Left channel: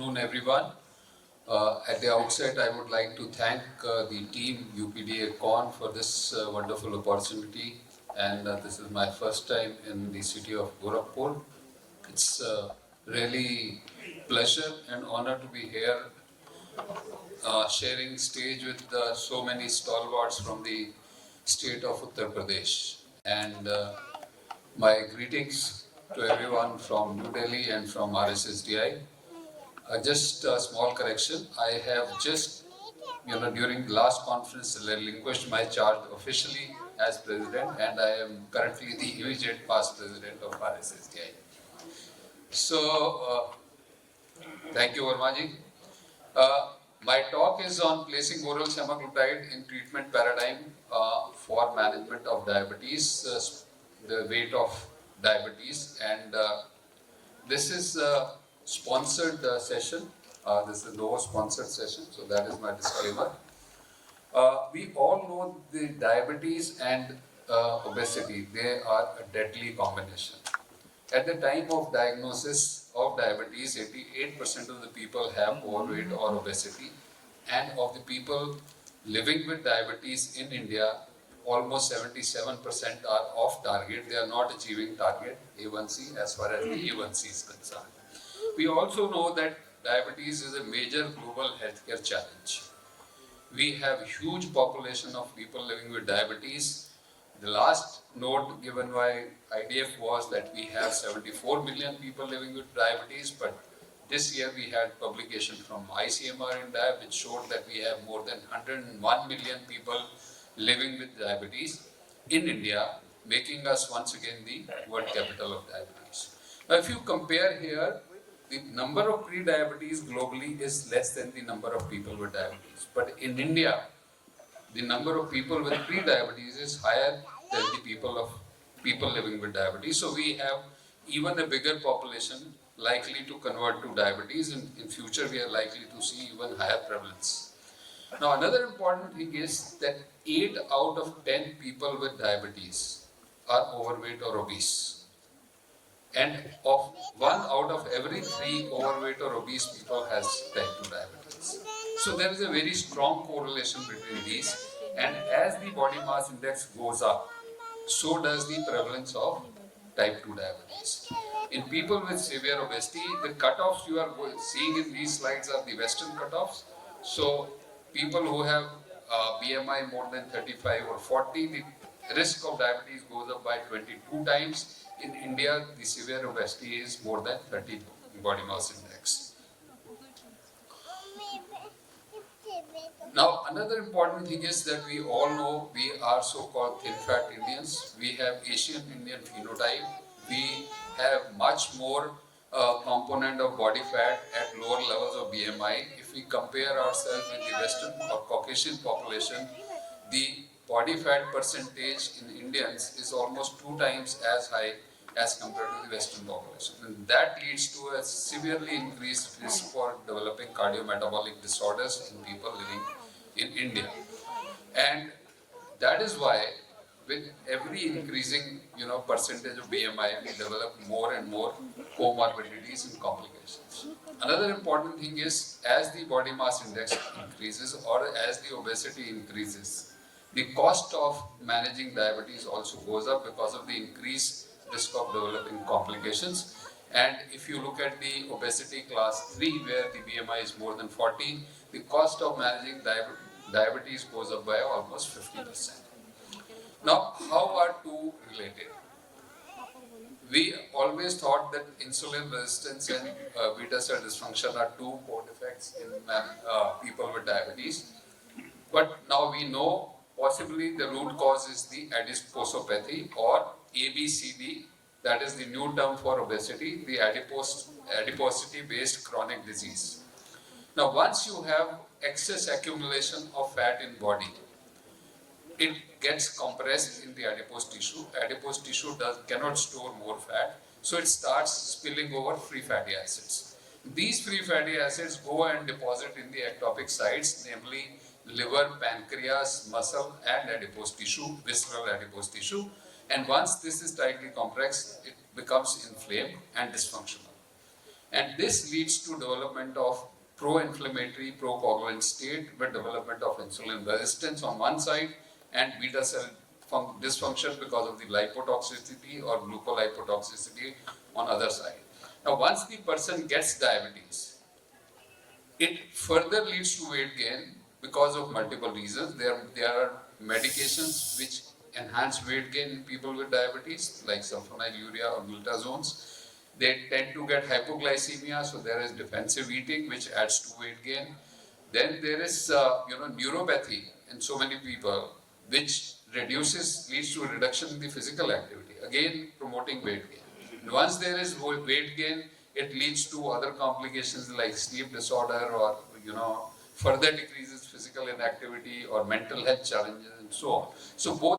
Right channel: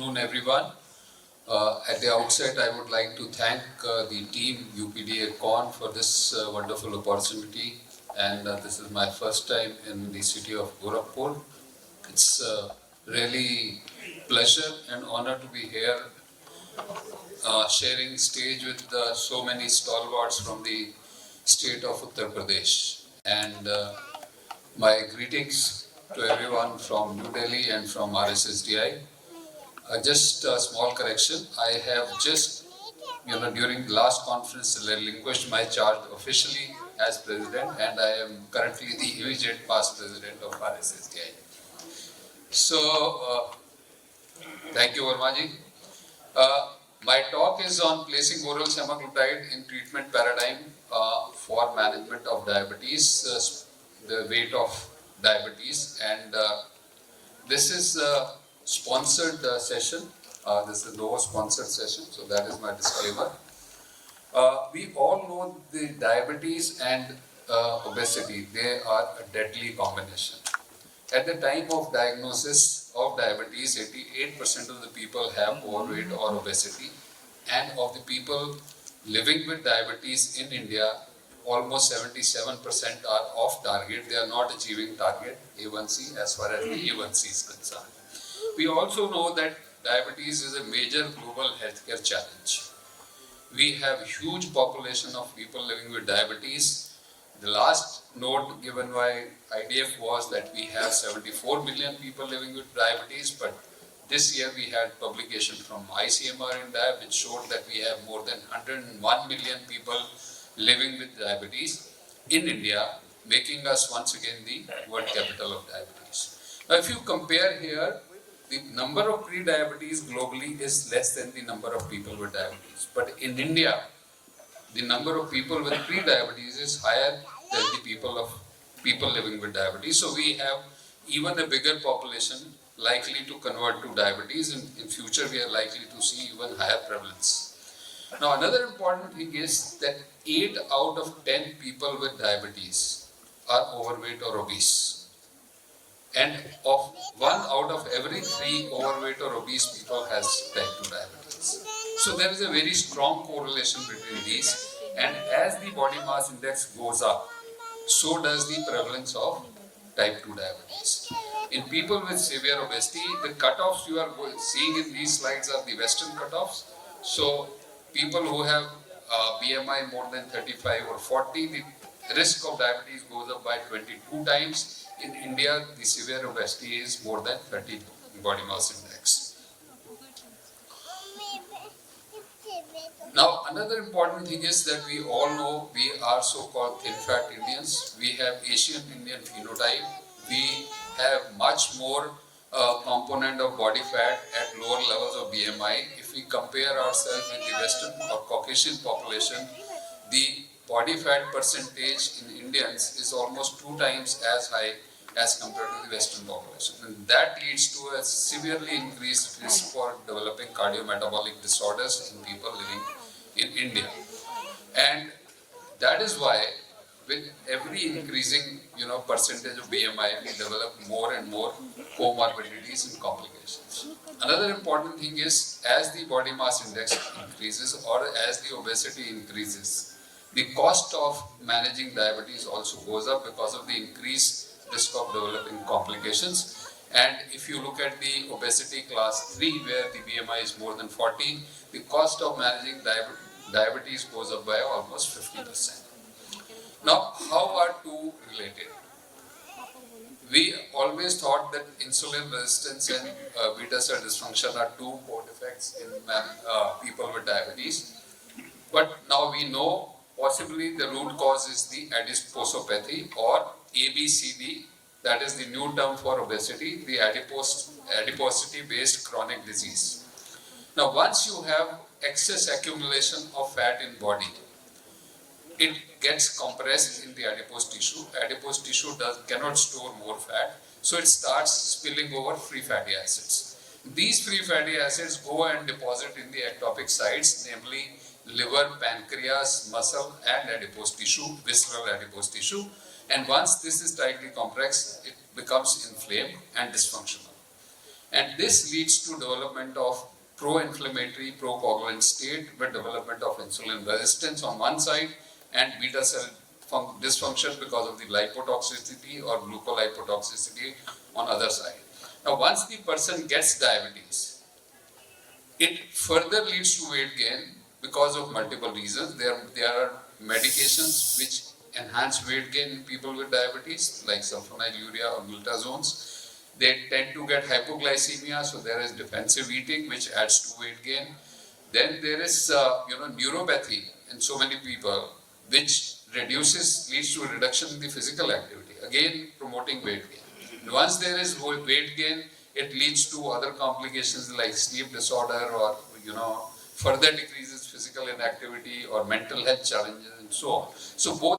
afternoon, everyone. At the outset, I would like to thank the team UPDA Con for this wonderful opportunity. And this is my first time in the city of Gorakhpur. It's really pleasure and honor to be here sharing stage with so many stalwarts from the state of Uttar Pradesh. And my greetings to everyone from New Delhi and from RSSDI. Just a small correction. I have just, during the last conference, relinquished my charge officially as president, and I am currently the immediate past president of RSSDI. So, thank you, Vermaji. My talk is on placing oral semaglutide in treatment paradigm for management of diabetes, the weight of diabetes, and this is a sponsored session. This is no sponsored session, so that is my disclaimer. We all know the diabetes and obesity, they are a deadly combination. At the time of diagnosis of diabetes, 88% of the people have overweight or obesity, and of the people living with diabetes in India, almost 77% are off target. They are not achieving target A1C as far as the A1C is concerned. We also know that diabetes is a major global healthcare challenge. We have huge population of people living with diabetes. The last note given by IDF was that we have 74 million people living with diabetes, but this year we had publication from ICMR India which showed that we have more than 101 million people living with diabetes in India, making us once again the world capital of diabetes. Now, if you compare here, the number of pre-diabetes globally is less than the number of people with diabetes. But in India, the number of people with pre-diabetes is higher than the people living with diabetes. So we have even a bigger population likely to convert to diabetes, and in future we are likely to see even higher prevalence. Now, another important thing is that 8 out of 10 people with diabetes are overweight or obese. And of 1 out of every 3 overweight or obese people has type 2 diabetes. So there is a very strong correlation between these. And as the body mass index goes up, so does the prevalence of type 2 diabetes. In people with severe obesity, the cutoffs you are seeing in these slides are the Western cutoffs. So people who have BMI more than 35 or 40, the risk of diabetes goes up by 22 times. In India, the severe obesity is more than 30 body mass index. Now, another important thing is that we all know we are so-called thin-fat Indians. We have Asian Indian phenotype. We have much more component of body fat at lower levels of BMI. If we compare ourselves with the Western or Caucasian population, the body fat percentage in Indians is almost 2 times as high as compared to the Western population. And that leads to a severely increased risk for developing cardiometabolic disorders in people living in India. And that is why with every increasing percentage of BMI, we develop more and more comorbidities and complications. Another important thing is, as the body mass index increases or as the obesity increases, the cost of managing diabetes also goes up because of the increased risk of developing complications. And if you look at the obesity class 3, where the BMI is more than 40, the cost of managing diabetes goes up by almost 50%. Now, how are two related? We always thought that insulin resistance and beta cell dysfunction are two co-defects in people with diabetes. But now we know possibly the root cause is the adiposopathy or ABCD, that is the new term for obesity, the adiposity-based chronic disease. Now, once you have excess accumulation of fat in body, it gets compressed in the adipose tissue. Adipose tissue cannot store more fat, so it starts spilling over free fatty acids. These free fatty acids go and deposit in the ectopic sites, namely liver, pancreas, muscle, and adipose tissue, visceral adipose tissue. And once this is tightly compressed, it becomes inflamed and dysfunctional. And this leads to development of pro-inflammatory, pro-coagulant state with development of insulin resistance on one side and beta cell dysfunction because of the lipotoxicity or glucolipotoxicity on other side. Now, once the person gets diabetes, it further leads to weight gain because of multiple reasons. There are medications which enhance weight gain in people with diabetes, like sulfonylurea or glutazones. They tend to get hypoglycemia, so there is defensive eating, which adds to weight gain. Then there is, neuropathy in so many people, which leads to a reduction in the physical activity, again promoting weight gain. And once there is weight gain, it leads to other complications like sleep disorder or, further decreases physical inactivity or mental health challenges and so on. So both